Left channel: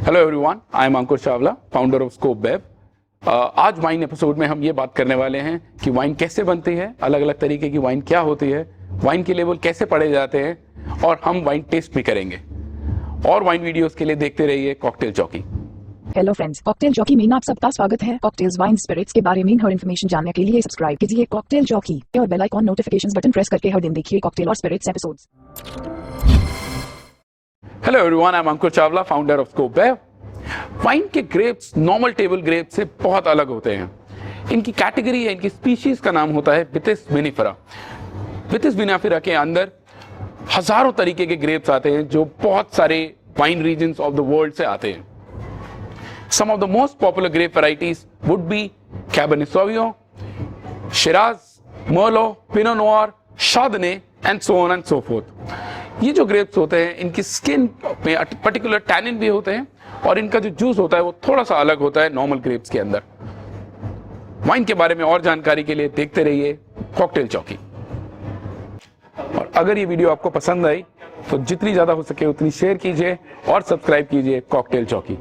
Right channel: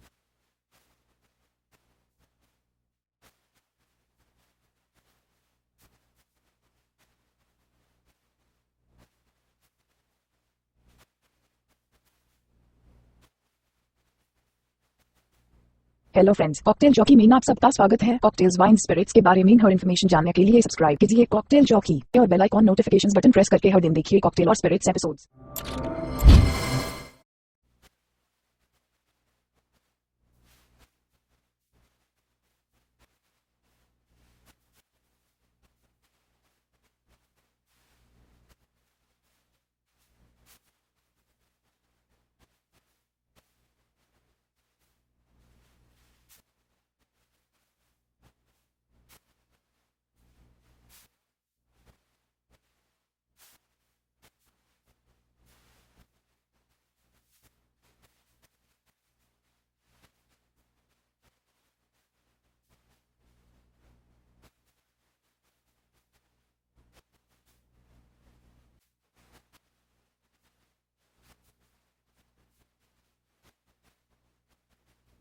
Hello everyone, I am Ankur Chawla, founder of Scope web. आज wine episode में हम ये बात करने वाले हैं कि वाइन कैसे बनती है, अलग अलग तरीके की वाइन क्या होती है, वाइन के लेवल कैसे पढ़े जाते हैं और हम वाइन टेस्ट भी करेंगे। और वाइन वीडियोस के लिए देखते रहिए cocktail jockey. Hello friends, cocktail jockey में आप सबका स्वागत है। कॉकटेल्स, वाइन, स्पिरिट्स के बारे में हर इन्फॉर्मेशन जानने के लिए सब्सक्राइब कीजिए कॉकटेल जॉकी और bell icon notifications button press करके हर दिन देखिए कॉकटेल और spirits episodes. Hello everyone, I am Ankur Chawla, founder of Scope Web. Wine के ग्रेप्स नॉर्मल टेबल ग्रेप से बहुत अलग होते हैं। इनकी कैटेगरी है, इनकी स्पीशीज का नाम होता है विटिस विनिफेरा। विटिस विनिफेरा के अंदर हजारों तरीके के ग्रेप्स आते हैं जो बहुत सारे wine regions of the world से आते हैं। Some of the most popular grape varieties would be Cabernet Sauvignon, Shiraz, Merlot, Pinot Noir, Chardonnay and so on and so forth. ये जो ग्रेप्स होते हैं इनकी स्किन में पर्टिकुलर टैनिन भी होते हैं और इनका जो जूस होता है वो थोड़ा सा अलग होता है नॉर्मल ग्रेप्स के अंदर। वाइन के बारे में और जानकारी के लिए देखते रहिए कॉकटेल जॉकी। और अगर ये वीडियो आपको पसंद आई तो जितनी ज्यादा हो सके उतनी शेयर कीजिए और सब्सक्राइब कीजिए कॉकटेल जॉकी।